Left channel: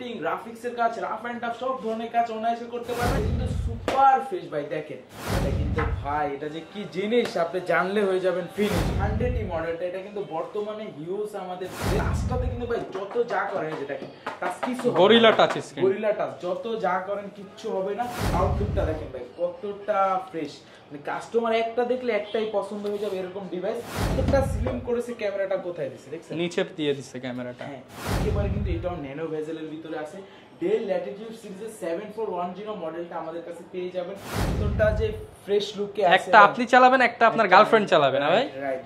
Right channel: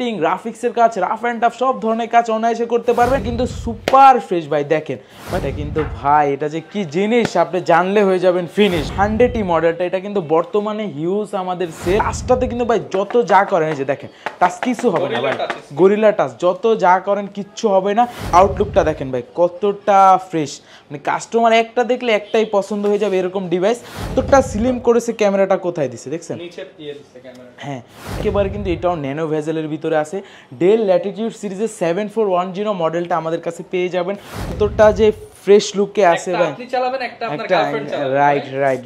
Editing, গ্রাফিক্সের কাজ, rough and tough সব ধরনের কাজ অনায়াসে করতে পারবেন, কিন্তু সুপার ফ্রেশ ভাই। দেখেন এটা কিন্তু ভাই, এটা যে কি জিনিস আপনি জানলে হয়ে যাবেন ফিনিশ। 100টি মডেলটা, এটা কিন্তু বর্তমানে হিউজ আমাদের সেল। টাচটাতে কিন্তু ভাই যত যা করেন, এই যে দেখেন টাচ কিছু হবে না, গরিলা টাচ যত যা করেন কিচ্ছু হবে না। আউটলুকটা দেখেন ভাই কতটা ফ্রেশ, মানে কাস্টমার একটা দেখলে একটাই পছন্দ হয়ে যাবে এরকম ডিভাইস। কতটা স্লিম করেছে, ক্যামেরাটা কোথায় দিছে দেখছেন, নিচে দিয়ে দিছে ক্যামেরাটা। হ্যাঁ একেবারে কিন্তু এটাও ন্যানো ভেজেলের ভিতরে আছে। ডেল ল্যাটিটিউড সিরিজের 7410 মডেলটা আমাদের কাছে পেয়ে যাবেন। কতটা যে ফ্রেশ লুকে আছে, একটা আপনি চালাবেন, একটা আপনার গার্লফ্রেন্ড চালাবে। Right right.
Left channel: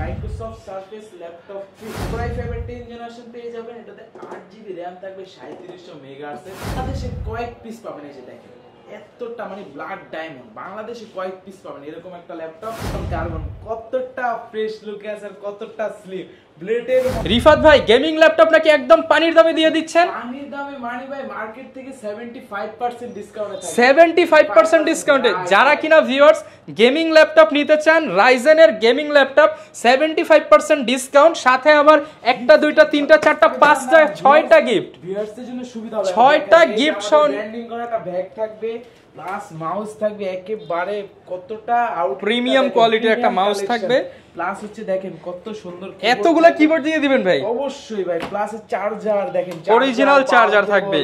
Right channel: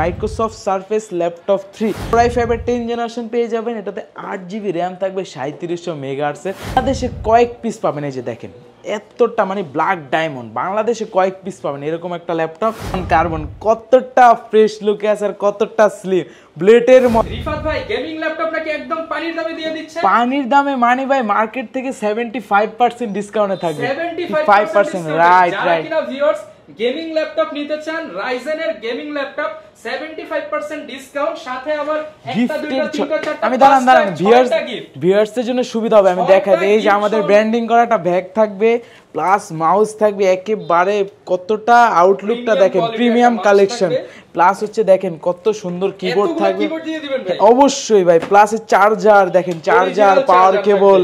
Microsoft surface laptop 3 Core i5 এর 10 জেনারেশন পেয়ে যাবেন। এটাতে 8GB র্যাম থাকবে, 3700 মেগাহার্টজের। বাংলাদেশে কয়েক পিস পাবেন, এই যে দেখেন এতটা, মানে ব্ল্যাক ডায়মন্ড, বাংলাদেশে কয়েক পিস পাবেন এরকম একটা ল্যাপটপ। কার্বন কতটা ফ্রেশ লুকে আছে আর কতটা স্লিম। ব্লেডের রিফাত ভাই গেমিং ল্যাপটপ নাকি একদম পানির দামে দিয়ে দিচ্ছে? পানির দামে মানে ভাই মার্কেট থেকে 75% ডিসকাউন্টে থাকবে। 75% ডিসকাউন্টে যারা কিনা ভিউয়ার্স গেমিং ল্যাপটপ নিতে চান, রাইজেনের গেমিং ল্যাপটপ 75% ডিসকাউন্ট, সাথে আবার একটা দুইটা তিনটা চারটা পাঁচটা ছয়টা গিফট। ভিউয়ার্সদের জন্য সুবিধা হবে, আমি দেখাই। এই যে আমাদের ব্র্যান্ডিং করাটা ব্যাগ থাকবে, প্লাস মাউস থাকবে, একেবারে কতটা আউটলুকটা দেখেন, প্রিমিয়াম কালেকশন। প্লাস হচ্ছে দেখেন কত সুন্দর কিবোর্ড, এতগুলো কিবোর্ড দিয়ে দিবেন ভাই? অবশ্যই ভাই। প্লাস চার্জার দেখেন, চার্জার, পাওয়ার কেবল,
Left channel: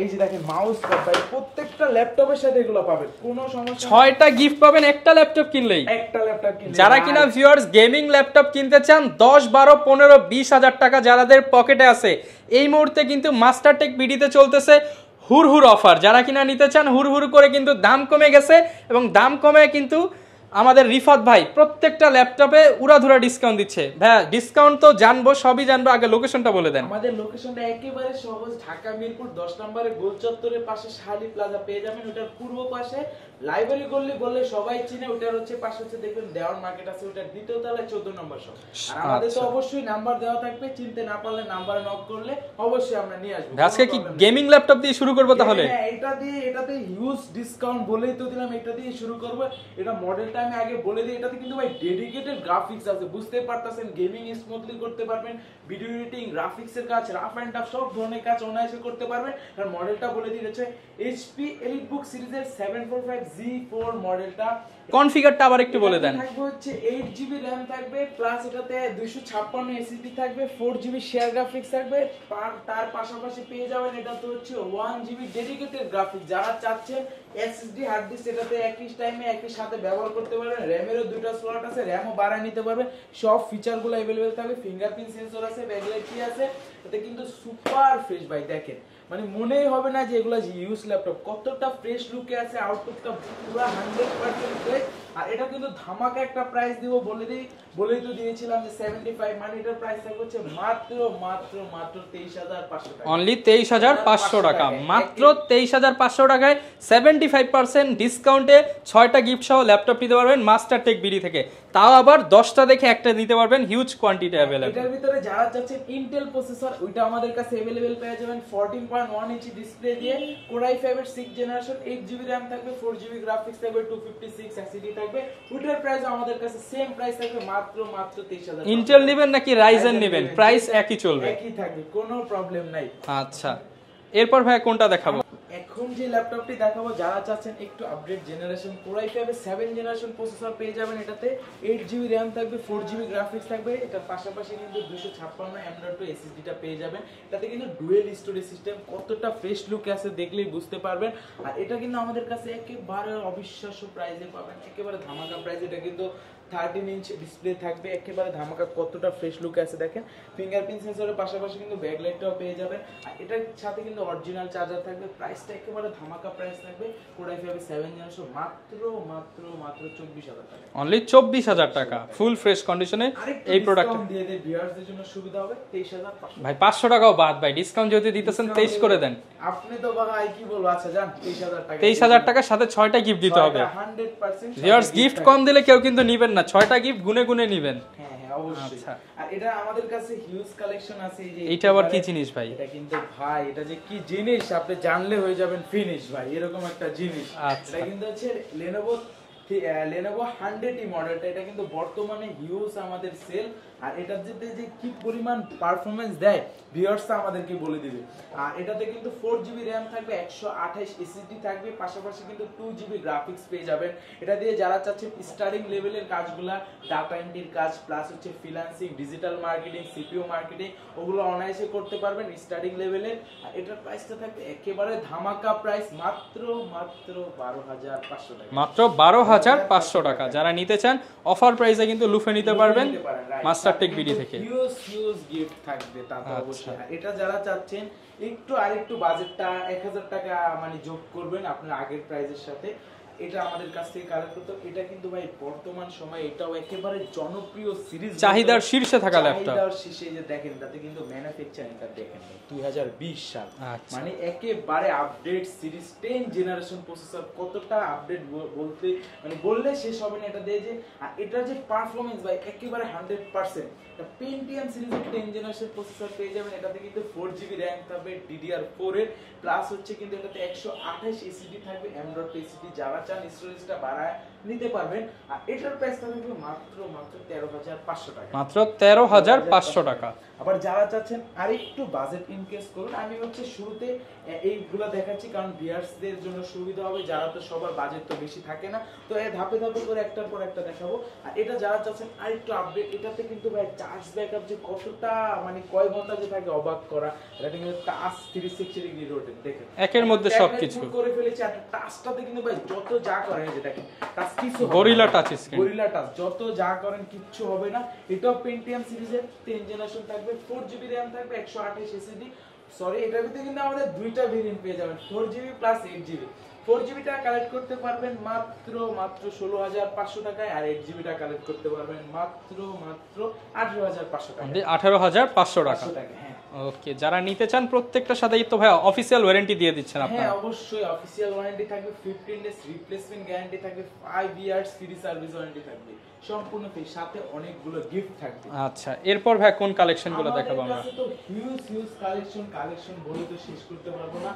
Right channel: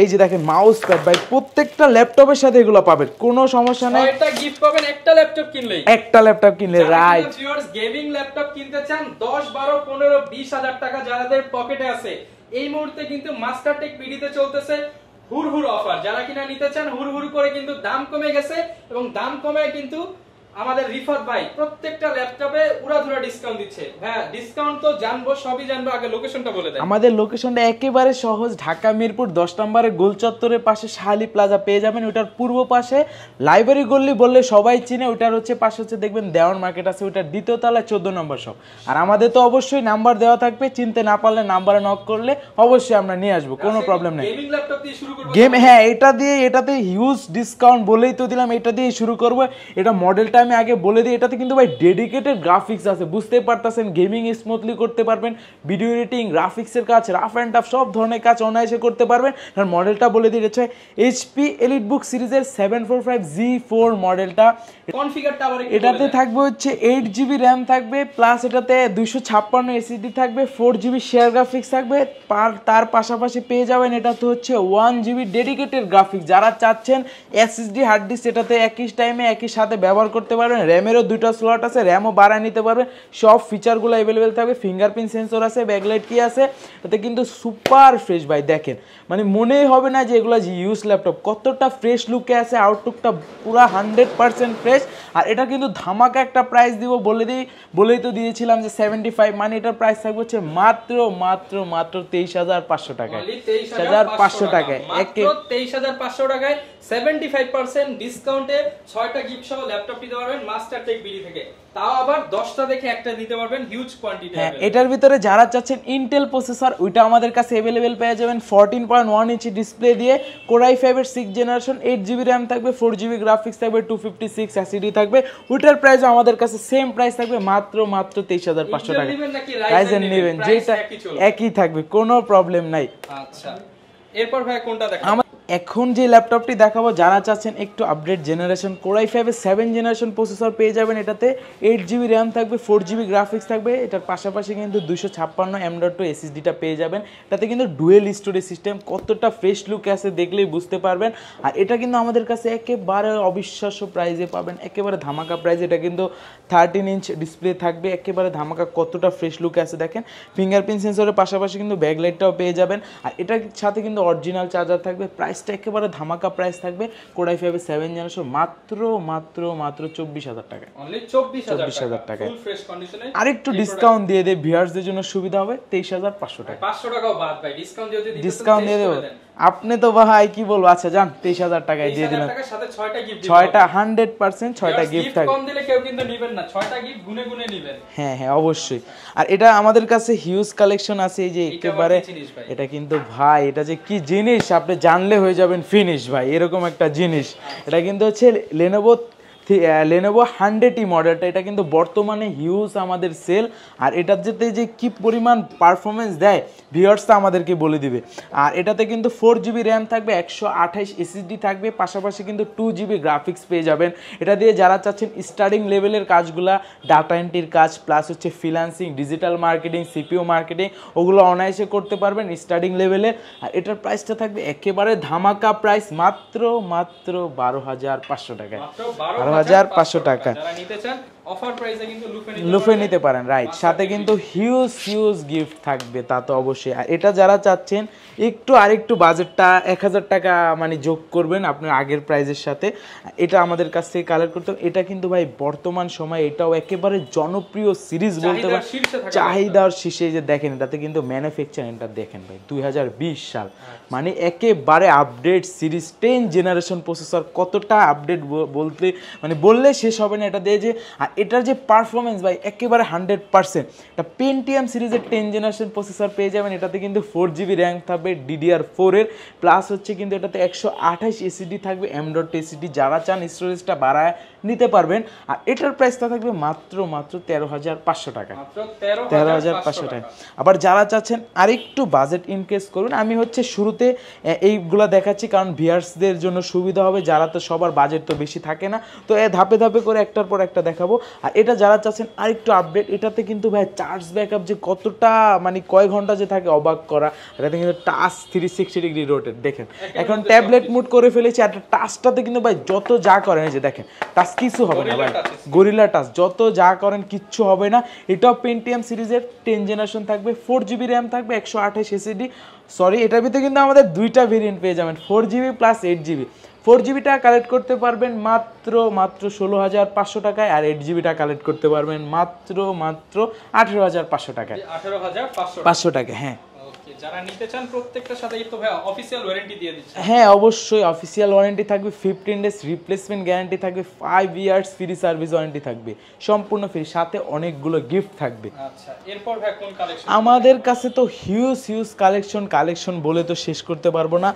এই যে দেখেন মাউস প্যাড ভাই, প্রত্যেকটা ল্যাপটপের সাথে এগুলো পাবেন, কোনো সমস্যা নাই। 6টা গিফট পাবেন একটা ল্যাপটপ কিনলেই, একটা ল্যাপটপ কিনলে। যারা কিনা ভিউয়ার্স গেমিং ল্যাপটপ কিনতে চান 10 12 15 20 হাজার টাকা যাদের পকেটে আছে, এই মুহূর্তে কিন্তু মাস্টারটেক বিডিতে চলতেছে হুড়হুড় অফার। যারা কিনা নিতে চান হুড়হুড় করে কিন্তু দাম কমে গেছে, এবং দাম কমে কিন্তু আমাদের রিফাত ভাই প্রত্যেকটা ল্যাপটপে উড়াধুরা ডিসকাউন্ট দিচ্ছে। হ্যাঁ ডিসকাউন্ট তো জানবো, সবই জানবো, আগে লোকেশনটা বলে দেন। আমাদের লোকেশনটা একেবারে সহজ, ঢাকা মিরপুর 10 নম্বরে গোল চত্বরের পাশে শাহালি প্লাজা পেয়ে যাবেন। ওটার পূর্ব পাশে লাইব্রেরি গল্লি বললে সবাই চিনে, ওটার হচ্ছে পাশে হচ্ছে দেখবেন দেওয়ান মার্কেট আছে, ওটার দ্বিতীয় তলায় 14 নম্বর শপ। আর আমাদের তো অবশ্যই নাম্বার দেওয়া থাকবে, চিনতে না পারলে নাম্বারে নক করলে অবশ্যই আমরা নিয়ে আসবো, কোনো প্রবলেম নেই। গেমিং ল্যাপটপ দিয়ে শুরু করব তাহলে হ্যাঁ এটা দিয়ে, এটাতে হিউজ ডিসকাউন্ট বলেই তো দিলাম, এটা দিয়ে শুরু করব। এটা মডেলটা আমি আগে বলে দিই, এটাতে কিন্তু ভাই ডেডিকেটেড গ্রাফিক্স আছে, বুঝতেই পারতেছেন, গেমিং স্মুথলি করতে পারবেন, ভিডিও এডিটিং, গ্রাফিক্সের কাজ, রাফ অ্যান্ড টাফ সব ধরনের কাজ অনায়াসে করতে পারবেন। আর মডেলটা বলে দিই, হচ্ছে এইচপি এলিটবুক সিরিজের 745G4 মডেলটা। কনফিগারটা আবার একটু বলে দেন। এটাতে থাকবে হচ্ছে 8GB র্যাম থাকবে, প্লাস এটাতে 256 এসএসডি থাকবে, 4GB শেয়ার গ্রাফিক্স থাকবে। তার পাশাপাশি পেয়ে যাবেন এটাতে হচ্ছে 1GB ডেডিকেটেড গ্রাফিক্স। যারা চাচ্ছেন এসএসডি হার্ড ডিস্ক এটাতে একই টাইমে একই সাথে ব্যবহার করতে পারবেন। র্যামেরও দুটো স্লট আছে, র্যামও বাড়ায় নিতে পারবে, সব ফিচারগুলো অ্যাভেলেবেল থাকবে। ফিঙ্গারপ্রিন্ট সেন্সর আছে, ব্যাকলাইট কি আছে, এটাতে কিন্তু সুপার ফ্রেশ ভাই। দেখেন মানে মনেই হবে না যে এগুলো ইউজ ল্যাপটপ, কতটা ফ্রেশ লুকে আছে, আউটলুকটা পুরা 100% ফ্রেশ। আর এটা কিন্তু ধামাকা একটা প্রাইস দিব, বলেই তো দিয়েছিলাম যে 75, মানে এটার প্রাইস থাকবে হচ্ছে মাত্র 23,500 টাকা। অনলি 23,500 টাকা, মাত্র 23,500 টাকায় 75% ডিসকাউন্টে 6টা গিফট সহ ল্যাপটপ নিতে পারবেন মাস্টারটেক বিডি থেকে। তাও আবার 10টা দেখে একটা নিতে পারবেন, হিউজ কোয়ান্টিটি अवेलेबल। এটার ভিতরে যারা চাচ্ছেন ইন্টেল প্রসেসর, ওইটা আমাদের কাছে अवेलेबल পেয়ে যাবেন 14.1 ইঞ্চি ডিসপ্লে দিয়ে। Core i5 এর 6 জেনারেশন, 8GB RAM থাকবে, 4GB গ্রাফিক্স থাকবে, 256 এসএসডি থাকবে। ওইটার প্রাইস আমাদের কাছে সেম প্রাইস থাকবে, মাত্র 23,500 টাকা। ইন্টেল নেবেন নাকি রাইজেন নেবেন, প্রাইস একই চলবে, একই থাকবে, কোনো প্রবলেম নাই। আচ্ছা এরপর ভাই কোনটা দেখাবো? এখন যে ল্যাপটপটি দেখাবো, যারা চাচ্ছেন একটু আপডেট জেনারেশন, Core i5 এর 7 জেনারেশন প্রসেসর পেয়ে যাবেন। এটাতে 8GB RAM থাকবে, 4GB গ্রাফিক্স থাকবে। এটার পাশাপাশি কিন্তু 256 M.2 এসএসডিটা পেয়ে যাবেন। এটাতে কিন্তু ডুয়েল স্টোরেজ সিস্টেম, কতটা ফ্রেশ লুক আছে দেখলেই বুঝতে পারবেন। আর এটা কিন্তু আমাদের কাছে একেবারে অবিশ্বাস্য প্রাইসে পাবেন, একেবারে ধামাকা প্রাইস। এটা কিন্তু 13 ইঞ্চ ডিসপ্লে থাকবে, একেবারে ধামাকা, কতটা ফ্রেশ লুক আছে দেখেন। ফিঙ্গারপ্রিন্ট সেন্সরের পাশাপাশি কিন্তু ব্যাকলাইটটাও পেয়ে যাবেন। আর এটার সাথে কিন্তু অরিজিনাল চার্জার থাকবে। প্রাইসটা একেবারে ধামাকা প্রাইস থাকবে। Core i5 এর 7 জেনারেশন মাত্র 24,000 টাকা, অনলি 24,000 টাকা, ফুল ফ্রেশ কন্ডিশনে। আরেকটু ডিসকাউন্ট দিয়ে দেই, ভিউয়ারদের জন্য সুবিধা হবে, 23,500 ভাই 500 টাকাও বাদ ভাই, ডিসকাউন্ট যদি দিতেছেন 23 করে দেন। আপনি তো ভাই কি বলবো, আচ্ছা যান 23,000 টাকা। 23,000 টাকার সাথে 6টা গিফট দিতে হবে, 6টা 100% 6টা গিফট কম দিলে কেউ কিন্তু নেবেন না, 6টা গিফট গুনে গুনে নেবেন। হ্যাঁ হ্যাঁ অবশ্যই। আর এটা আমাদের কাছে হিউজ কালেকশন আছে, এই যে একেবারে জিনিস ভাই, এটা কিন্তু ভাই, এটা যে কি জিনিস আপনি জানলে হয়ে যাবেন ফিনিশ ভাই, এরকম একটা জিনিস। এটা কিন্তু হচ্ছে Lenovo Lenovo 100E মডেলটা, এটা কিন্তু বর্তমানে হিউজ আমাদের সেল। আর এটার যেতে যে কি পরিমাণ পারফরমেন্স দেয় ভিউয়ার্সটা আমাদেরকে বলে দিবে। আর এটাতে কিন্তু 4GB র্যাম থাকবে, 128 এসএসডি থাকবে, পাশাপাশি কিন্তু 2GB গ্রাফিক্স পেয়ে যাবেন। এটা দিয়ে যারা চাচ্ছেন স্টার্টিং লেভেলের কাজগুলা, ডাটা এন্ট্রির কাজ প্লাস হচ্ছে freelancing, digital marketing, CPO marketing, ওগুলো অনায়াসে করতে পারবেন স্টার্টিং লেভেলের। আর এটার প্রাইসটা থাকবে একেবারে ধামাকা প্রাইস, মাত্র 12,500 টাকা, মাত্র 12,500 টাকা। যারা নিতে চান অফার প্রাইসে কিন্তু লুফে নিতে পারেন, রাইট। সাথে কিন্তু হিউজ গিফট থাকবে, তা তো অবশ্যই। আর এটা যারা চাচ্ছেন আরেকটু বাজেটটা 1000 টাকা মানে যোগ করবেন আপনার আগের প্রাইসের সাথে, এটা আমাদের কাছ থেকে কালেক্ট করতে। এটা কিন্তু ভাই বর্তমান সময় এটাও একেবারে জনপ্রিয় সিরিজ, চাহিদার শীর্ষে থাকা, চাহিদার শীর্ষে। যে দেখেন এটাতে কিন্তু ম্যানুফ্যাকচারিংটা দেখেন ভাই 2020 সাল, মানে একেবারে আপডেট সিরিজ, 10 জেনারেশন প্রসেসর। কতটা আপডেট বলতে মানে বললে শেষ হবে না এটা দিয়ে। যে আর এটার যে পারফরমেন্স ভাই একেবারে 100%। এটা পেন্টিয়াম সিরিজের 10 জেনারেশন প্রসেসর পেয়ে যাবেন। এটাতে কিন্তু 4GB র্যাম থাকবে DDR4 এর, প্লাস হচ্ছে কিন্তু এটাতে 128 এসএসডি থাকবে, M.2 এসএসডি। যারা চান স্টোরেজটা বাড়ায় নিতে পারবেন। আর এটার প্রাইসটা থাকবে মাত্র 13,500 টাকা, মাত্র 13,500 টাকা। আবার যারা চাচ্ছেন আরেকটু বাজেট ইনক্রিজ করুন, আমি হচ্ছে শুরুতে এইগুলা দেখাচ্ছি কারণ ভিউয়ার্সদের জন্য সুবিধা হবে, যারা তো সবার বাজেট তো বেশি থাকে না, তো ধাপে ধাপে করে একটার পর একটা দেখাবো। আর এটা যারা চাচ্ছেন আরেকটু আপডেট, এটাতে কিন্তু ভাই চার্জ ব্যাকআপ যে কতটা মানে কয় ঘন্টা যে থাকে অবাক করা। এটাতে কিন্তু টাচ 360 ডিগ্রি রোটেট, দেখেন এখন ট্যাবলেট মুড করে ফেলেছি। আর টাচটাতে কিন্তু ভাই যত যা করেন, এই যে দেখেন টাচ কিছু হবে গরিলা টাচ, যত যা করেন কিচ্ছু হবে না। এটাও পেন্টিয়াম সিরিজের 10 জেনারেশন থাকবে, 4GB র্যাম থাকবে, 128 এসএসডি। সরি, এটার ভিতরে কিন্তু আমাদের দুইটা ভেরিয়েন্ট পেয়ে যাবেন, 4GB প্লাস 8GB। 4GBটা কালেক্ট করতে পারবেন মাত্র 16,500 টাকায়, আর 8GBটা কালেক্ট করতে পারবেন মাত্র 18,500 টাকায়। 18,500 টাকা, হ্যাঁ। ওকে, যারা নিতে চান প্রত্যেকটার সাথেই তো ভাই অফিশিয়াল ওয়ারেন্টি দিয়ে দিচ্ছেন। হ্যাঁ অবশ্যই অফিশিয়াল ওয়ারেন্টি থাকবে, 15 ডেজ রিপ্লেসমেন্ট গ্যারান্টি থাকবে, 5 ইয়ার্স ফ্রি সার্ভিস ওয়ারেন্টি থাকবে, সম্পূর্ণ ফ্রি, সাথে অনেকগুলো গিফট থাকবে। আচ্ছা, এরপর ভাই কোন কালেকশন? আমাদের কাছে তো হিউজ কালেকশন বলে তো শেষ করতে পারবো না।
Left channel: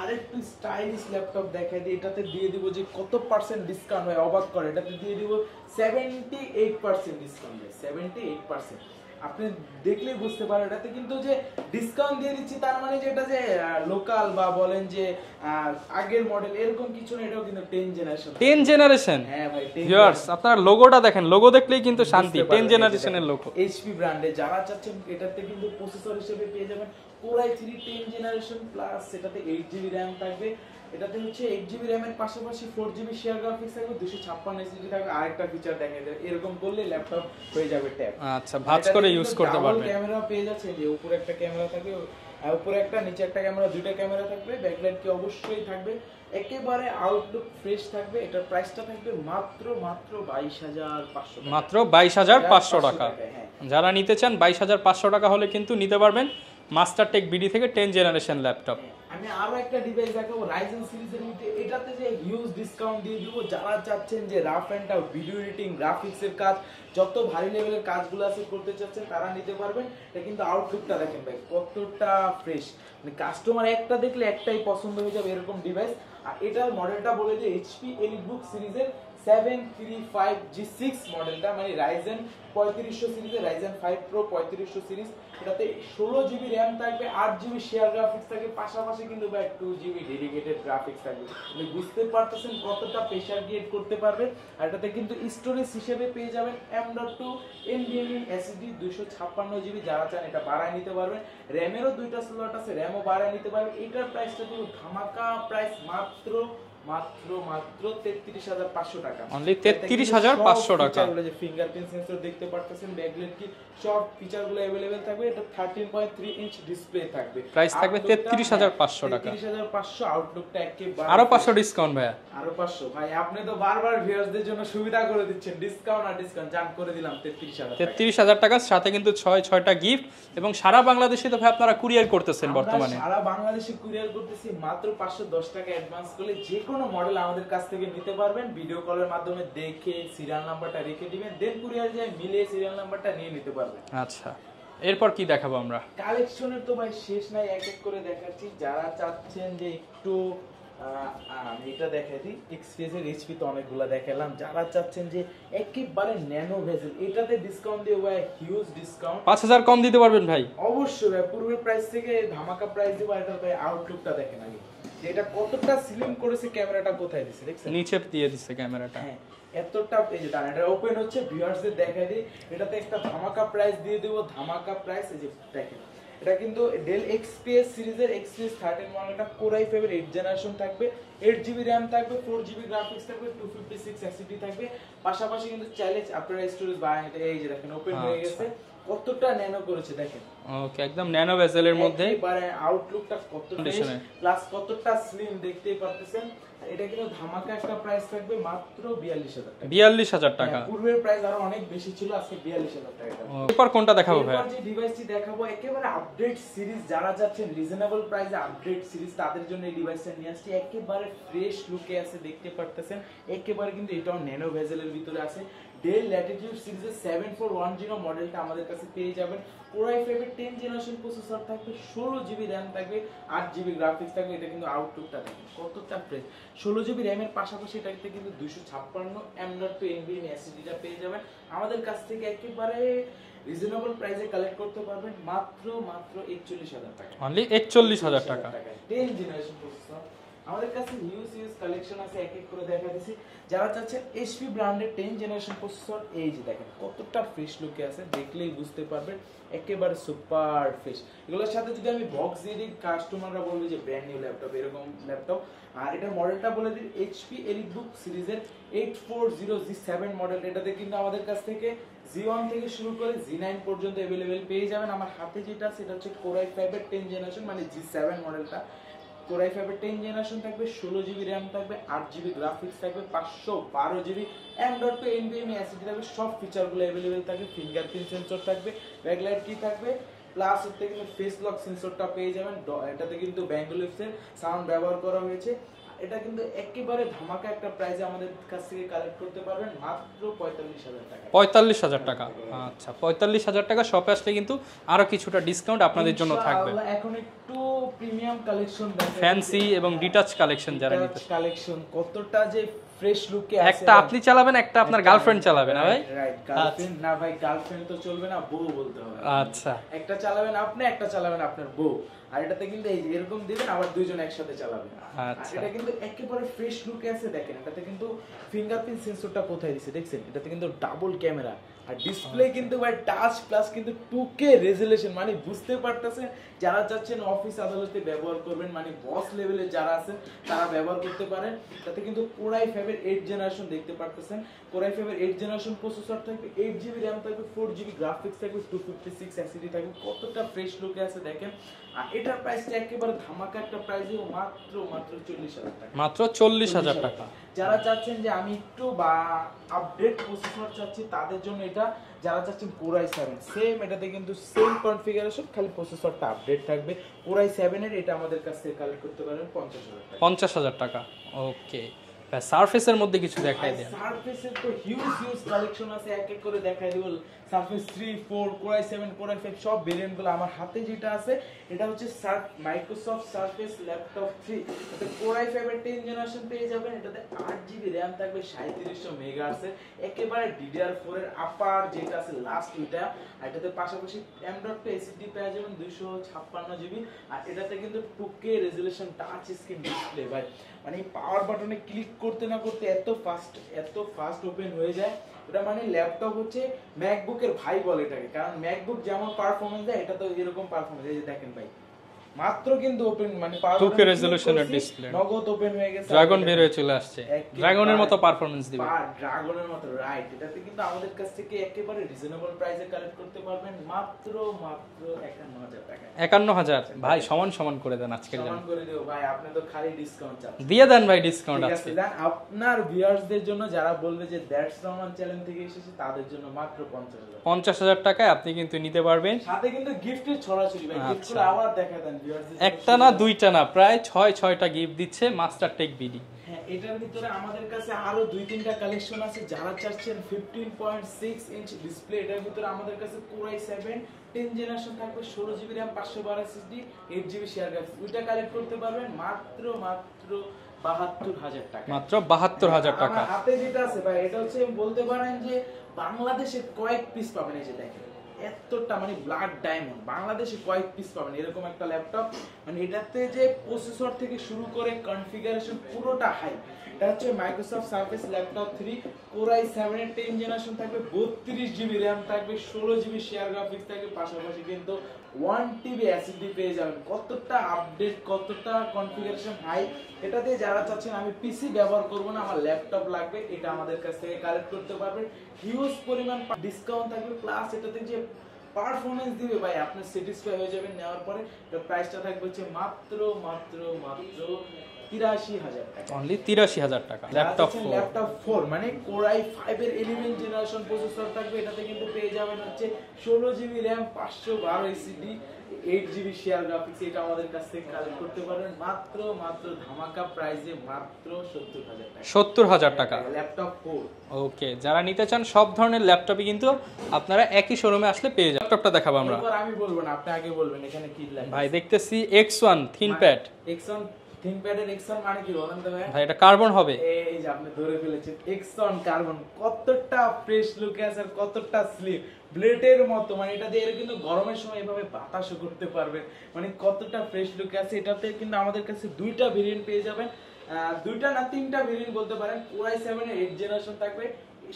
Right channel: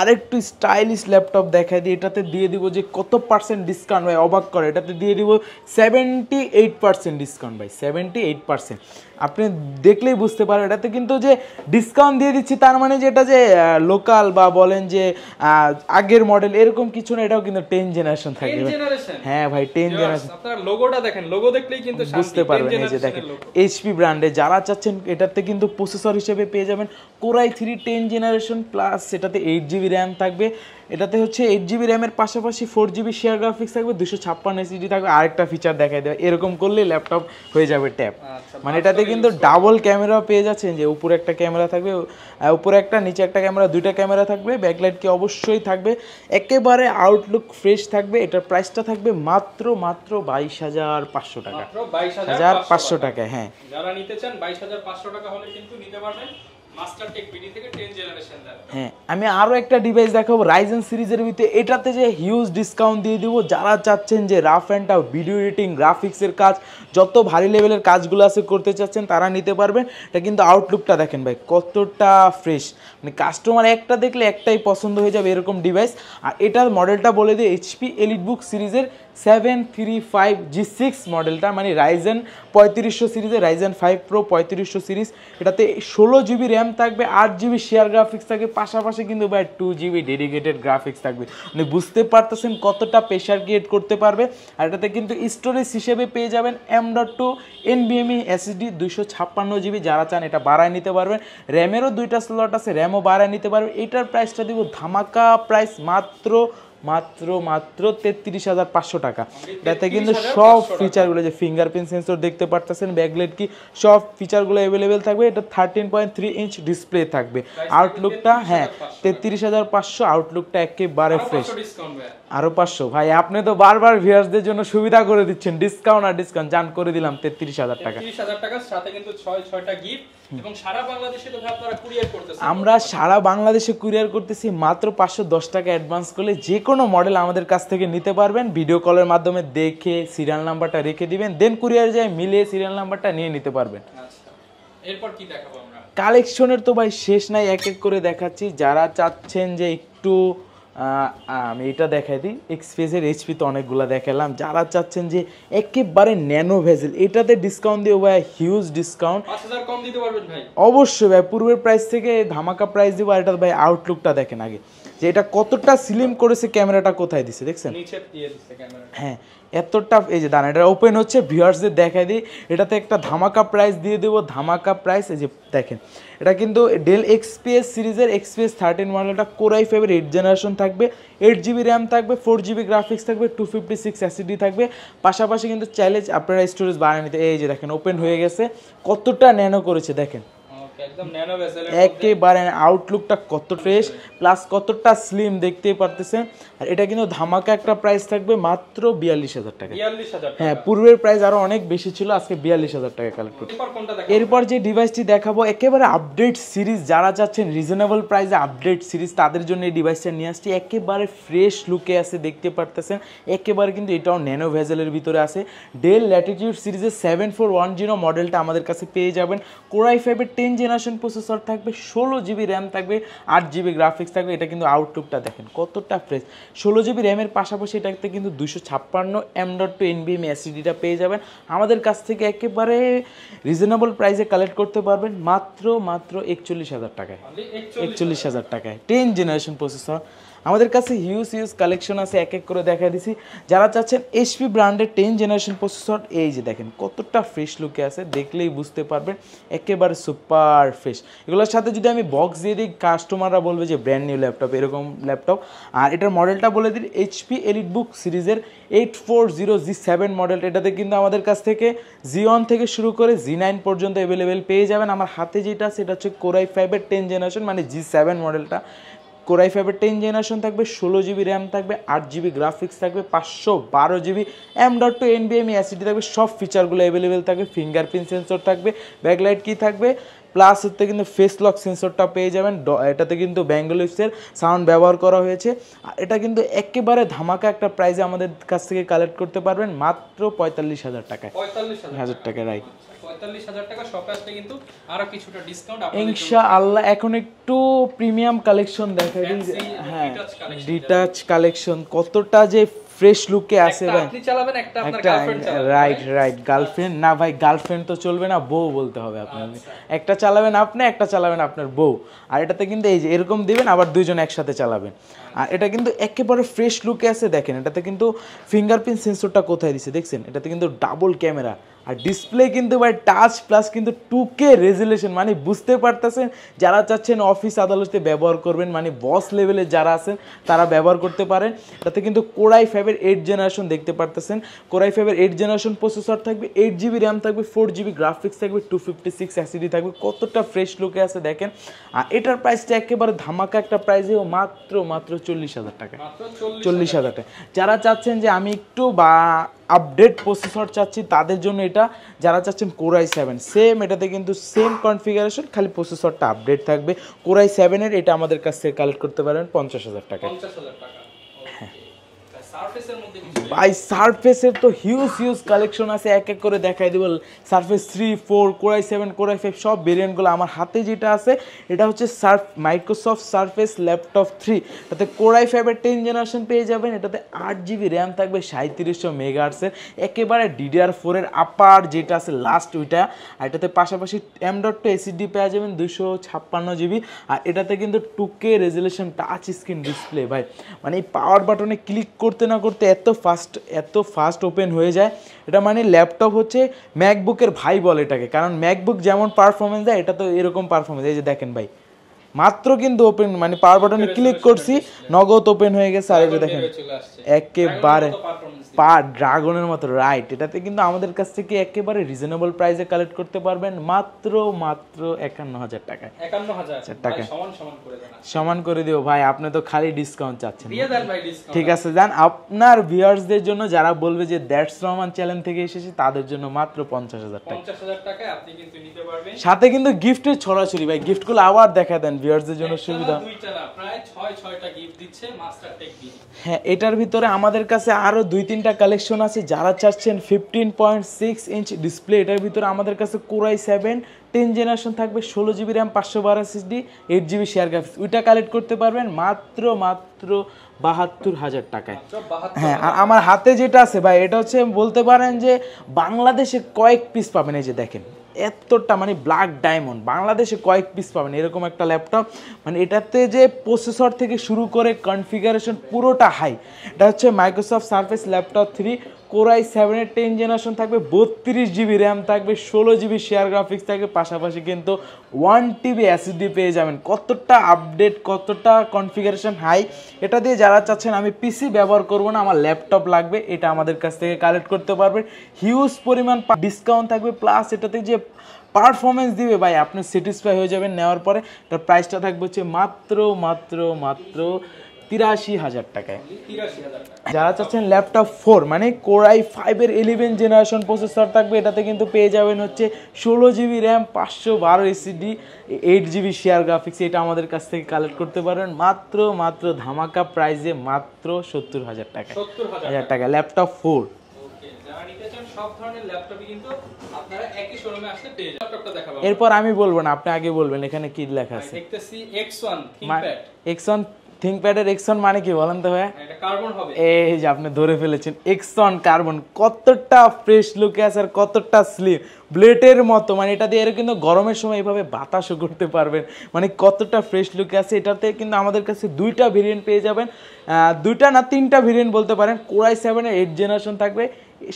আরেকটু স্টাইলিশ ল্যাপটপ দেখাই দিই। এটাতে দিয়ে দিব যে কত পার্সেন্ট ডিসকাউন্ট ভাই, অবাক করে। এটাতে দিয়ে দিব 78% ডিসকাউন্ট ভাই, 78%। আপনি দেখলেই বুঝতে পারেন এটাতে কিন্তু যে ডিসকাউন্ট দিয়ে দিচ্ছি তার মানে যে এটা যে লোকাল বা বলেন যে আগের মডেল এরকম কিছু না, এটাও কিন্তু 10 জেনারেশন। হ্যাঁ ভাই 10 জেনারেশন। আপনারা লোগোটা দেখেন, লোগো দেখলেই কিন্তু শান্তি, 10 জেনারেশনের লোগো। HP ব্র্যান্ডে যারা চাচ্ছেন এটাতে কিন্তু প্রসেসর হিসেবে পেয়ে যাবেন Core i3 10 জেনারেশন প্লাস, এটাতে 8GB র্যাম থাকবে। এটাতে হচ্ছে 8GB র্যামের পাশাপাশি 4GB শেয়ার গ্রাফিক্স থাকবে, 256 এসএসডি থাকবে। আরেকটা ফিচার দেখাই দেবে, এরকম করলে ল্যাপটপ হয়ে যাবে ট্যাব। মানে এটাতে কিন্তু ডাবল ক্যামেরা পেয়ে যাচ্ছেন, যে উপরে একটা ক্যামেরা থাকবে, উপরে একটা নিচে একটা ক্যামেরা, দুইটা ক্যামেরা থাকবে, ব্যাকলাইট কি অবশ্যই থাকবে, একেবারে আউটলুক ফ্রেশ থাকবে। এটার প্রাইসটা থাকবে মাত্র 22,500 টাকা, মাত্র 22,500 টাকা। হ্যাঁ, যারা নিতে চান 22,500 টাকা হলে কিন্তু নিতে পারবেন মাস্টারটেক বিডি থেকে 10 জেনারেশন ল্যাপটপ। হ্যাঁ, আমি আরো একটা ডিভাইস দেখাবো রাইজেন সিরিজের ভিতরে। এটাতে যে হিউজ ডিসকাউন্ট দিয়ে দিব, যারা চাচ্ছেন যে rough and tough video editing, গ্রাফিক্সের কাজ, যত ভারী লেভেলের কাজগুলো আছে করতে চাচ্ছেন তারা নিতে পারবেন। এটা কিন্তু আউটলুকটা দেখেন ভাই কতটা ফ্রেশ, মানে কাস্টমার একটা দেখলে একটাই পছন্দ হয়ে যাবে এরকম ডিভাইস। আর এটার মডেলটা বলে দিই, HP এলিটবুক সিরিজের 735G6 মডেলটা, মানে রাইজেন 3500 সিরিজের রাইজেন 5 Pro 3500 সিরিজ। এটাতে 16GB র্যাম থাকবে, 8GB শেয়ার গ্রাফিক্স থাকবে, পাশাপাশি কিন্তু ভাই 2GB ডেডিকেটেড গ্রাফিক্স থাকবে। মানে বুঝতে পারতেছেন কতটা প্রেশার ক্রিয়েট করতে পারবে। আর এটাতে কিন্তু স্টোরেজ হিসেবে পেয়ে যাবেন M.2 NVMe SSD 256GB। যারা চান এটা বাড়ায় নিতে পারবেন, র্যামেরও দুইটা স্লট আছে, র্যামও বাড়ায় নিতে পারবেন। এটার প্রাইসটা দিব ধামাকা প্রাইস, মাত্র 33,500 টাকা। এতে কিন্তু সব ফিচারগুলো, যে ফিঙ্গারপ্রিন্ট সেন্সর দেখতে পারতেছেন, ব্যাকলাইট কি, সব ফিচারগুলো अवेलेबल থাকবে। এটা 13.3 ইঞ্চ ডিসপ্লে থাকবে। আউটলুকটা 33,500, আউটলুকটা একেবারে আরো 500 ডিসকাউন্ট ভাই, আরো 500। ভাই আপনি তো বারবার ভিউয়ারদের জন্য সুবিধা করে দিচ্ছেন, ডিসকাউন্ট আর ডিসকাউন্ট, জান করে দিলাম 33,000 টাকা। 33,000 টাকার সাথে কিন্তু 6টা গিফট, এবং সারা বাংলাদেশে তো ভাই আপনারা কুরিয়ার করতেছেন। আমরা সারা বাংলাদেশে কুরিয়ার করতেছি, মাত্র 510 টাকা অ্যাডভান্স করলে যে কোনো মডেল আমাদের কাছ থেকে নিতে পারবেন। ভিডিও কলের মাধ্যমে দেখে সিরিয়াল নাম্বারটা রেখে দিবেন, দেন কুরিয়ার যায় মিলে সিরিয়াল নাম্বারটা নিয়ে নিতে পারবেন। আচ্ছা, এরপর কি দেখাবো আমরা? কালেকশনের তো ভাই শেষ নাই, এক এক করে দেখাচ্ছি। যারা চাচ্ছেন যে একটু আমি এটা দেখাই দিই, এক্সপেসের এইচপি তো অনেকগুলো দেখালাম। যারা চাচ্ছেন যে একেবারে ন্যানো ভেজেল, এটাতে ডিসকাউন্ট দিয়ে ভাই, হিউজ ডিসকাউন্ট, 5000 কম দিতে পারবেন ভাই? অবশ্যই ভাই, পূর্বের প্রাইস থেকে ধামাকা প্রাইস দিব। আর এটা ভাই আউটলুকটা দেখেন আগে, যে এটা কতটা স্লিম করেছে, ক্যামেরাটা কোথায় দিছে দেখছেন, নিচে দিয়ে দিচ্ছে ক্যামেরাটা। হ্যাঁ এতটা, এই যে দাঁড়ান এটা ওপেন হচ্ছে, ভিউয়ার্সদের দেখাই দিই। এটাতে একটা ধামাকা প্রাইস দিয়ে দেবো, ধামাকা প্রাইস। এই যে দেখেন, এটা কিন্তু ডেল এক্সপিএস সিরিজের এক্সপিএস 13 মডেলটা, কোর i5 এর 8 জেনারেশন থাকবে, 8GB র্যাম থাকবে, 4GB গ্রাফিক্স থাকবে, 256 এসএসডি থাকবে। পাশাপাশি কিন্তু চাইলে আপনারা স্টোরেজ বাড়ায় নিতে। এই যে দেখেন ওপেন হয়ে গেছে, কতটা ন্যানো করেছে দেখেন, ওকে একদম ন্যানো ভেসেলের মধ্যে একেবারে আউটলুকটা কত ফ্রেশ, প্লাস কতটা স্লিম দেখতেই পারতেছেন। আর এটা কিন্তু ধামাকা একটা প্রাইস থাকবে মাত্র 42000 টাকা। 42000 টাকা। হ্যাঁ, পূর্বের প্রাইস আরো অনেক বেশি ছিল, আজকে 42000 টাকা কালেক্ট করব। এরপর কোনটা দেখাবো? এরপর যে ডিভাইসটি দেখাবো একেবারে আপডেট সিরিজ, যারা চাচ্ছেন রিজনেবল প্রাইসে আপডেট সিরিজ, তাদের জন্য এই ডিভাইসটা নিয়ে আসছি। একেবারে ফ্রেশ লুকে আছে, দেখতে পারতেছেন, একেবারে কিন্তু এটাও ন্যানো ভেজেলের ভিতরে আছে। ডেল ল্যাটিটিউড সিরিজের 7410 মডেলটা আমাদের কাছে পেয়ে যাবেন। কোর i5 এর 10 জেনারেশন প্রসেসর থাকবে, 16GB র্যাম থাকবে, 8GB গ্রাফিক্স থাকবে। এটা কিন্তু আউটলুকটা দেখেন কতটা ফ্রেশ। 16GB র্যামের পাশাপাশি এটাতে কিন্তু 256 M.2 NVMe এসএসডিটা পেয়ে যাবেন। আমাদের কাছ থেকে একেবারে রিজনেবল প্রাইসে কালেক্ট করতে পারবেন মাত্র 41000 টাকায়। অনলি 41000 টাকায় 10 জেনারেশন প্রসেসর। আমাদের কাছে হিউজ কালেকশন আছে, এক এক করে দেখা দিছি। যারা চাচ্ছেন এইচপি ব্র্যান্ডের 10 জেনারেশন প্রসেসর, এই যে দেখেন কতটা ফ্রেশ লুকে আছে, দেখলেই বুঝতে পারবেন একেবারে সুপার ফ্রেশ। এগুলোর সাথে যদি আমি বক্স দিয়ে দিই, কাস্টমাররা বলবে যে ব্র্যান্ড নিউ ল্যাপটপ, এরকম ল্যাপটপ। আর এটার মডেলটা বলে দিই, এইচপি এলিটবুক সিরিজের 840G7 মডেল। এটাতে কিন্তু আমাদের কাছ থেকে G1 থেকে শুরু করে G9 পর্যন্ত অ্যাভেলেবেল পেয়ে যাবেন। আমার হাতে যেটা আছে, এটা হচ্ছে কোর i5 এর 10 জেনারেশন, মানে G7 মডেলটা। কোর i5 এর 10 জেনারেশন থাকবে, 16GB র্যাম থাকবে, 8GB গ্রাফিক্স থাকবে, 512GB M.2 NVMe এসএসডি থাকবে। সব ফিচারগুলো অ্যাভেলেবেল থাকবে, ফিঙ্গারপ্রিন্ট সেন্সর থাকবে, ব্যাকলাইট কি থাকবে, প্লাস হতে কিন্তু ফেস লক সেন্সরটা পেয়ে যাবেন। এটাতে কিন্তু ব্যাঙ্গলিপসের সাউন্ড ব্যবহার করা হয়েছে। আর এটা কিন্তু একেবারে ধামাকা একটা প্রাইসে আমাদের কাছ থেকে কালেক্ট করতে পারবেন মাত্র 45000 টাকায়। 45000 টাকা, রাইট। আচ্ছা 45000 টাকা। শপে আসলে কিন্তু আরো কিছুটা ডিসকাউন্ট আপনাদের জন্য ইনশাআল্লাহ। এখন একটু প্রিমিয়াম কালেকশন দেখেন, ফ্যান্সি এবং ডিটাচ কালেকশন। ডিটাচ কালেকশন কতটা যে ফ্রেশ লুকে আছে। একটা আপনি চালাবেন, একটা আপনার গার্লফ্রেন্ড চালাবে। রাইট গার্লফ্রেন্ড না ভাই, গার্লফ্রেন্ড তো চলবে না, বউ বলতে হবে আপনাকে। আচ্ছা, একটা চালাবেন আপনি, একটা চালাবেন আপনার বউ। আর এটাতে কিন্তু এই যে এরকম দিবেন, আবার দুইজন একসাথে চালাবেন। আর এটা কিন্তু একেবারে ফ্রেশ লুকে আছে দেখেন। এটাতে কিন্তু ফিঙ্গারপ্রিন্ট সেন্সরটা কোথায় দিছে দেখছেন, এটাতে কিন্তু ডাবল ক্যামেরা। আর ডিসপ্লে কিন্তু ভাই টাচ প্লাস কিন্তু 2K রেজুলেশন, মানে বুঝতে পারতেছেন যারা চাচ্ছেন অফিস আদালতে ব্যবহার করবেন, মানে বস লেভেলে যারা আছেন তারা ব্যবহার করতে পারেন। তাতে কিন্তু কোর i5 এর 8 জেনারেশন দেখতে পারতেছেন। কোর i5 এর 8 জেনারেশন প্রসেসর থাকবে, 8GB র্যাম থাকবে, 4GB গ্রাফিক্স থাকবে, 256 এসএসডি থাকবে। কতটা ফ্রেশ লুকে আছে দেখেন। আর এটার প্রাইসটা একেবারে ধামাকা একটা প্রাইসে, মাত্র 40000 টাকা। মাত্র 40000 টাকা। যারা চাচ্ছেন যে আমি একটু বা আপডেট প্রসেসর চাচ্ছি, তাদের জন্য এটা। যারা চাচ্ছেন কোর i7 সেম, এটাতে কিন্তু সেম কনফিগারেশন, খালি প্রসেসরটা আপডেট থাকবে। কোর i7 এর এটা আমাদের কাছ থেকে কালেক্ট করতে পারেন 50000 টাকা। 50000 টাকা, ওকে। সারফেসের মধ্যে কিছু দেখাই। ভাই সারফেসের তো হিউজ কালেকশন আছে, এক এক করে দেখাই দেব। Surface 3, 4, core i7, core i5 সব ভেরিয়েন্টগুলো। আমার হাতে যেটা আছে এটা হচ্ছে মাইক্রোসফট সারফেস ল্যাপটপ 3। তাতে কোর i5 এর 10 জেনারেশন পেয়ে যাবেন। এটাতে 8GB র্যাম থাকবে, 3700 মেগাহার্টজের, একেবারে DDR4 এর আপার যেটা আছে লাস্ট ওইটা। আর এটাতে পাশাপাশি M.2 এসএসডি পেয়ে যাবেন 256GB। আর এটাতে কিন্তু 2K resolution touch screen display. ভাই মানে এই পাওয়ার বাটনে ক্লিক করতে না করতে এত ফাস্ট ওপেন হয়ে যায়। এটা মানে ল্যাপটপ হচ্ছে ম্যাকবুকের ভাই বলে এটাকে, কারণ ম্যাকবুক যেমন পারফরমেন্স দেয়, এটা তো এরকম পারফরমেন্স। এই যে দেখেন ভাই, মাত্র কিন্তু ওপেন, মানে পাওয়ার বাটনে ক্লিক করছি, নগদ ওপেন হয়ে গেছে। একেবারে ড্রাগনের মতো, রাইট। এটাতে কিন্তু আমাদের কাছ থেকে একেবারে রিজনেবল প্রাইসে কালেক্ট করতে পারবেন মাত্র 51000 টাকায়। 51000 ভাই, সমান করে দেন। সমান করে দিও ভাই, আপনি তো খালি ডিসকাউন্ট চাচ্ছেন, দিয়ে দেন ভাই ডিসকাউন্ট। ঠিক আছে জান। আপনার ভিউয়ার্সদের জন্য যারা বলবে যে দ্যাটস রহমান চ্যানেল থেকে এসেছে, তাদের জন্য মাত্র 50000 টাকায় আপনি কিন্তু নিতে পারবেন। সাথে কিন্তু গিফটের ছড়াছড়ি। ভাই গিফটগুলো আবার দেখা দেন ভিউয়ার্সদের জন্য। একটা না দুইটা না, প্রায় 6টা গিফট দিচ্ছে মাস্টারটেক বিডি। হ্যাঁ, এটার ভিতরে আমাদের কাছে আরো 2-3টা কালেকশন আছে। যারা চাচ্ছেন 15.6 ইঞ্চ ডিসপ্লে, এটার ভিতরে আমাদের কাছে কোর i7 10 জেনারেশন থাকবে, 16 GB RAM, 512 SSD, 8 GB share graphics. ওইটা কালেক্ট করতে পারবেন মাত্র 72,000 টাকায়। মাত্র 72,000 আর আমার হাতে যেটা আছে ভাই, এটা হচ্ছে বলতে পারেন যে বাংলাদেশে কয়েক পিস পাবেন। এই যে দেখেন এতটা মানে ব্ল্যাক ডায়মন্ড, বাংলাদেশে কয়েক পিস পাবেন এরকম একটা ল্যাপটপ। মানে এটাতে যে প্রসেসর থেকে শুরু করে কনফিগারেশন পুরোটা হাই। এটা হচ্ছে Microsoft surface laptop 3 Core i7 10 generation থাকবে, 32 জিবি র্যাম থাকবে, 16 জিবি শেয়ার গ্রাফিক্স থাকবে, পাশাপাশি কিন্তু 1 TB এসএসডি পেয়ে যাবেন। কতটা আপডেট, কতটা কনফিগারেশন হাই। এটা দিয়ে যারা চাচ্ছেন আমি পিসি ব্যবহার করব না, আমার ল্যাপটপ লাগবে, এটা আমাদের কাছ থেকে কালেক্ট করতে পারবেন। হিউজ পরিমাণ ডিসকাউন্ট থাকবে, প্লাস এটাতে যে পারফরমেন্স দিবে ভাই আপনি স্যাটিসফাই হয়ে যাবেন নেওয়ার পরে। এটার প্রাইসটা থাকবে হচ্ছে মাত্র 83,000 টাকায়। 83,000 টাকা। যারা চাচ্ছেন ল্যাপটপ 4 মানে Core i5 এর 11 জেনারেশন প্রসেসর থাকবে, এটাতে কিন্তু পেয়ে যাবেন হচ্ছে 16 GB RAM, 512 SSD, 8 GB share graphics. এটা আমাদের কাছ থেকে কালেক্ট করতে পারেন মাত্র ধামাকা প্রাইসে মাত্র 70,000 টাকা। 70,000 টাকা ল্যাপটপ 4। ওকে, যারা নিতে চান সব ধরনের ল্যাপটপই কিন্তু আপনারা একই শোরুমে আসলে পেয়ে যাবেন। ল্যাপটপটা দেখাবো আমরা। এরপর আমি বলবো না, আপনি আগে বলবেন এখানে কি লেখা ভাই আছে। দেখতেছি X1 ThinkPad। X1 ThinkPad-এর X1 মানে কি বলেন তো ভাই? ভাই এটা কার্বন হবে। এই যে আপনি ধরে ফেলেছেন, X1 কার্বন। কতটা ফ্রেশ লুকে আছে আর কতটা স্লিম, ব্লেডের মতো। মানে এটা দিয়ে কিন্তু গরমের সময় এইভাবে বাতাসও করতে পারবেন। মানে কতটা ফ্রেশ লুকে আছে। এটাতে কিন্তু আমাদের কাছে 2টা ভেরিয়েন্ট পেয়ে যাবেন, 2টা না 3টা ভেরিয়েন্ট বলতে পারেন। Core i7 এর 8 জেনারেশন থাকবে,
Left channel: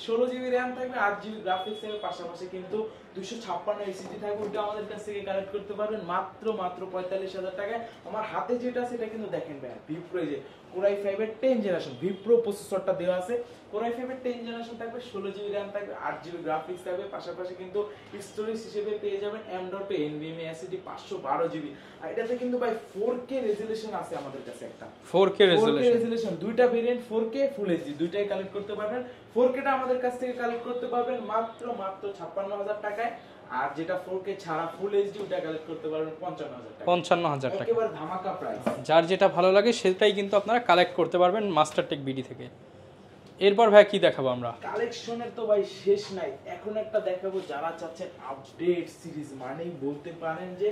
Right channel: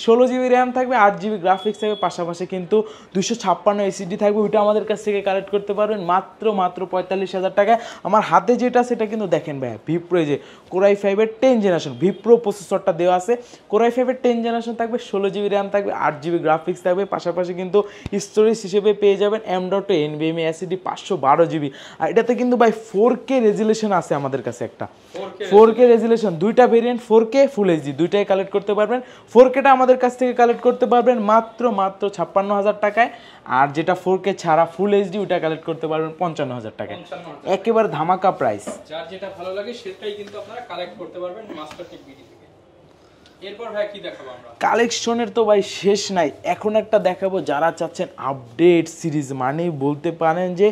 16 জিবি র্যাম থাকবে, 8 জিবি গ্রাফিক্স থাকবে, পাশাপাশি কিন্তু 256 এসএসডি থাকবে। ওইটা আমাদের কাছ থেকে কালেক্ট করতে পারবেন মাত্র 45,000 টাকায়। আমার হাতে যেটা সেটা কিন্তু দেখেন ভাই, ভিপ্রো যে Core i5 এর 10 জেনারেশন ভিপ্রো প্রসেসরটা দেওয়া আছে। Core i5 এর 10 জেনারেশন থাকবে, 16 জিবি র্যাম থাকবে, 8 জিবি গ্রাফিক্স থাকবে, পাশাপাশি কিন্তু স্টোরেজ হিসেবে পেয়ে যাবেন M.2 NVMe SSD 512 জিবি। আর এটাতে কিন্তু ভাই 4K রেজুলেশন আছে আমাদের কাছে একটা। 4K রেজুলেশন, 2টা ভেরিয়েন্ট 4K ফুল এইচডি, দুইটাই কালেক্ট করতে পারবেন। 4Kটা আমাদের কাছ থেকে কালেক্ট করতে পারবেন মাত্র 56,000 টাকায়। আর যেটা 4K ছাড়া ফুল এইচডি ওটা কালেক্ট করতে পারবেন 55,000 টাকা। 55,000 একেবারে ধামাকা প্রাইস। যার যেটা ভালো লাগে সেটাই কিন্তু আপনারা কালেক্ট করতে পারবেন মাস্টারটেক বিডি থেকে। এরপর ভাই কি দেখাবো আমরা? কালেকশনের তো ভাই শেষ নাই। এখন একটা দেখাবো যারা চাচ্ছেন আপডেট সিরিজ, মানে বলতে পারেন যে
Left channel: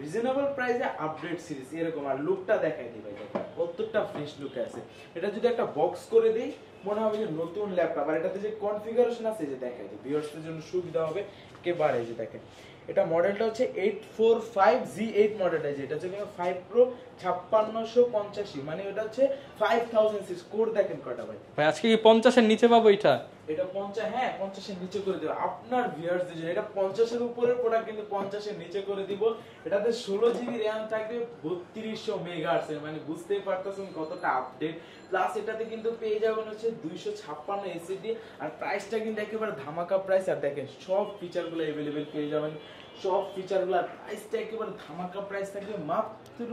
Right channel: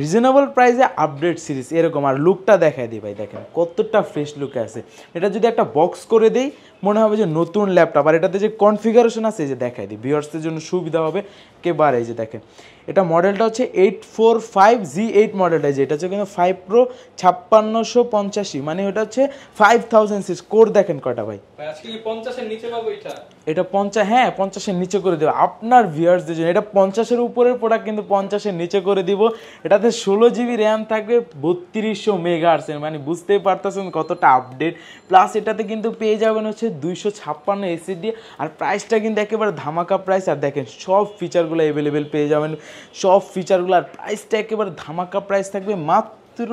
রিজনেবল প্রাইসে আপডেট সিরিজ এরকম। আর লুকটা দেখায় দিই ভাই, দেখেন কতটা ফ্রেশ লুক আছে। এটা যদি একটা বক্স করে দেই মনে হবে যে নতুন ল্যাপটপ। আর এটাতে যে কনফিগারেশন আছে এই যে দেখায় দিই, ভিউয়ার্সদের জন্য সুবিধা হবে একেবারে। এই যে দেখেন এটা মডেলটা হচ্ছে 845G8 মডেলটা, যে এটা হচ্ছে কিন্তু 5 Pro 5650, মানে ওটা হচ্ছে 5006 কোর। দেখেন কয়টা ভাই। ভাই আজকে কি 50-এর নিচে পাবো এটা? এটা 50, হ্যাঁ 50-এর নিচে করে দেবো আপনার ভিউয়ার্সদের জন্য। এটা 50-এর উপরের প্রোডাক্ট কিন্তু 50-এর নিচে করে দিব। এটাতে 16 জিবি র্যাম থাকবে, 3200 মেগাহার্টজ, মানে বুঝতেই পারতেছেন কতটা আপডেট। প্লাস এটাতে কিন্তু পেয়ে যাবেন হচ্ছে 256 এসএসডি। আর প্রাইসটা কিন্তু একেবারে ধামাকা প্রাইস। আর দেখেন সব ফিচারগুলো অ্যাভেলেবেল পেয়ে যাবেন, সব ফিচারগুলো। আর প্রাইসটা একেবারে ধামাকা প্রাইস থাকবে মাত্র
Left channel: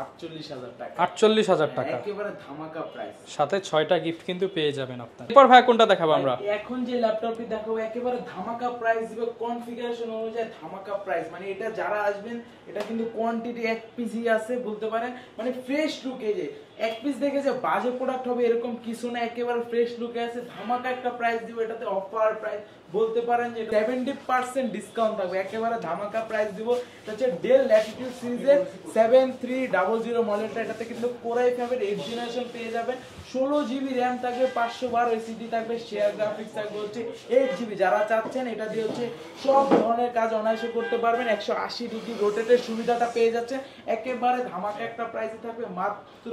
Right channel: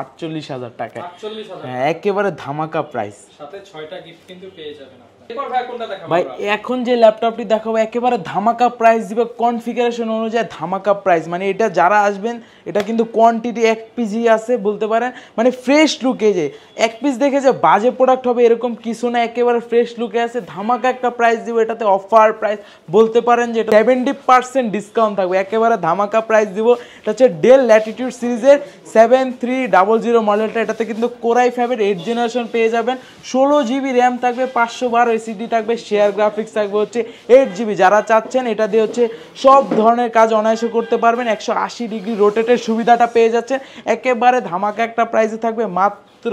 48,000 টাকা। 48,000 টাকা, একেবারে ধামাকা প্রাইস। সাথে 6টা গিফট কিন্তু পেয়ে যাবেন আপনারা। এরপর ভাই কোনটা দেখাবো আমরা? এখন যে ল্যাপটপটি দেখাবো একেবারে ধামাকা প্রাইস দিবে, কনফিগারেশন অনুযায়ী ধামাকা প্রাইস। মানে এটা যারা আসবেন, এটা কিন্তু কোয়ান্টিটি 1 পিসই আছে বলতে পারেন। মানে ফ্রেশ লুকে, যে 1 পিস দেখে যে বাজে প্রোডাক্ট হবে এরকম কিছু না, একেবারে ফ্রেশ লুকে আছে। ধামাকা একটা প্রাইস দিব। এটাতে অফার প্রাইস বলতে পারেন যে 70% ডিসকাউন্ট থাকবে, একেবারে ধামাকা প্রাইস দিব। এটা হচ্ছে ডেল ল্যাটিটিউড সিরিজের 7300 মডেলটা। এটাতে কিন্তু Core i5 এর 8 জেনারেশন পেয়ে যাবেন, 16 জিবি র্যাম থাকবে, 512 এসএসডি থাকবে, শেয়ার গ্রাফিক্স থাকবে হচ্ছে 8 জিবি। যারা চাচ্ছেন এটা দিয়ে হচ্ছে সব ধরনের কাজ অনায়াসে করতে পারবেন, 180 ডিগ্রি রোটেটের সুবিধাটা পেয়ে যাচ্ছেন। একেবারে ধামাকা একটা প্রাইসে থাকবে মাত্র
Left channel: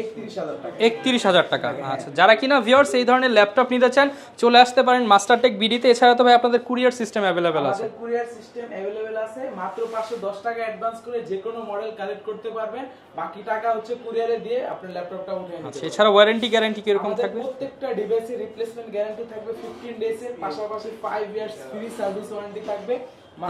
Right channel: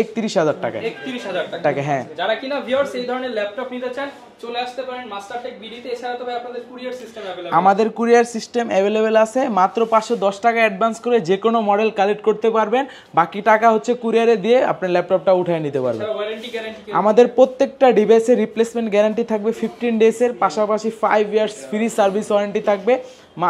31,000 টাকা। 31,000 টাকা, হ্যাঁ। যারা কিনা ভিউয়ার্স এই ধরনের ল্যাপটপ নিতে চান চলে আসতে পারেন মাস্টারটেক বিডিতে। এছাড়া তো ভাই আপনাদের কুরিয়ার সিস্টেম अवेलेबल? আমাদের কুরিয়ার সিস্টেম অ্যাভেলেবেল আছে। মাত্র 510 টাকা অ্যাডভান্স করে যে কোনো মডেল কালেক্ট করতে পারবেন, বাকি টাকা হচ্ছে কুরিয়ারে দিয়ে আপনার ল্যাপটপটা উঠিয়ে নিতে পারবেন। এছাড়া ওয়ারেন্টি গ্যারান্টি কি? আমাদের প্রত্যেকটা ডিভাইসের রিপ্লেসমেন্ট গ্যারান্টি থাকবে 15 ডেজের, পাশাপাশি 5 ইয়ার্স ফ্রি সার্ভিস ওয়ারেন্টি থাকবে।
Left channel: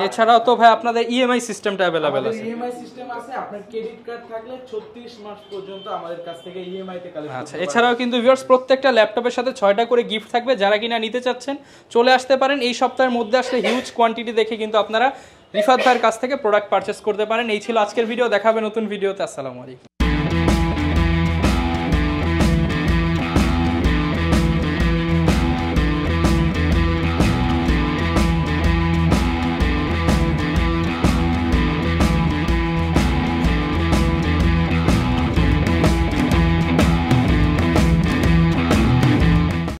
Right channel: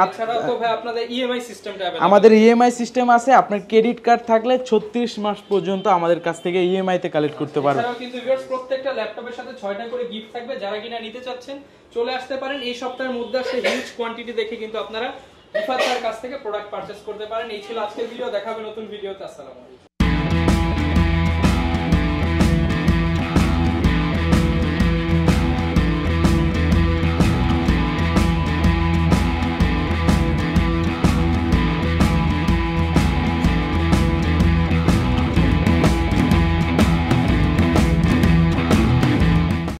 এছাড়াও তো ভাই আপনাদের ইএমআই সিস্টেমটা अवेलेबल? আমাদের ইএমআই সিস্টেম আছে। আপনার ক্রেডিট কার্ড থাকলে 36 মাস পর্যন্ত আমাদের কাছ থেকে ইএমআই তে কালেক্ট করতে পারবেন। এছাড়াও কিন্তু ভিউয়ার্স প্রত্যেকটা ল্যাপটপের সাথে 6টা করে গিফট থাকবে। যারা কিনা নিতে চাচ্ছেন চলে আসতে পারেন। এই সপ্তাহের মধ্যে আসলে হিউজ কোয়ান্টিটি দেখে কিন্তু আপনারা রিফাত ভাইয়ের কাছ থেকে প্রোডাক্ট পারচেজ করতে পারেন। এই ছিল আজকের ভিডিও, দেখাবে নতুন ভিডিওতে। আসসালামু আলাইকুম।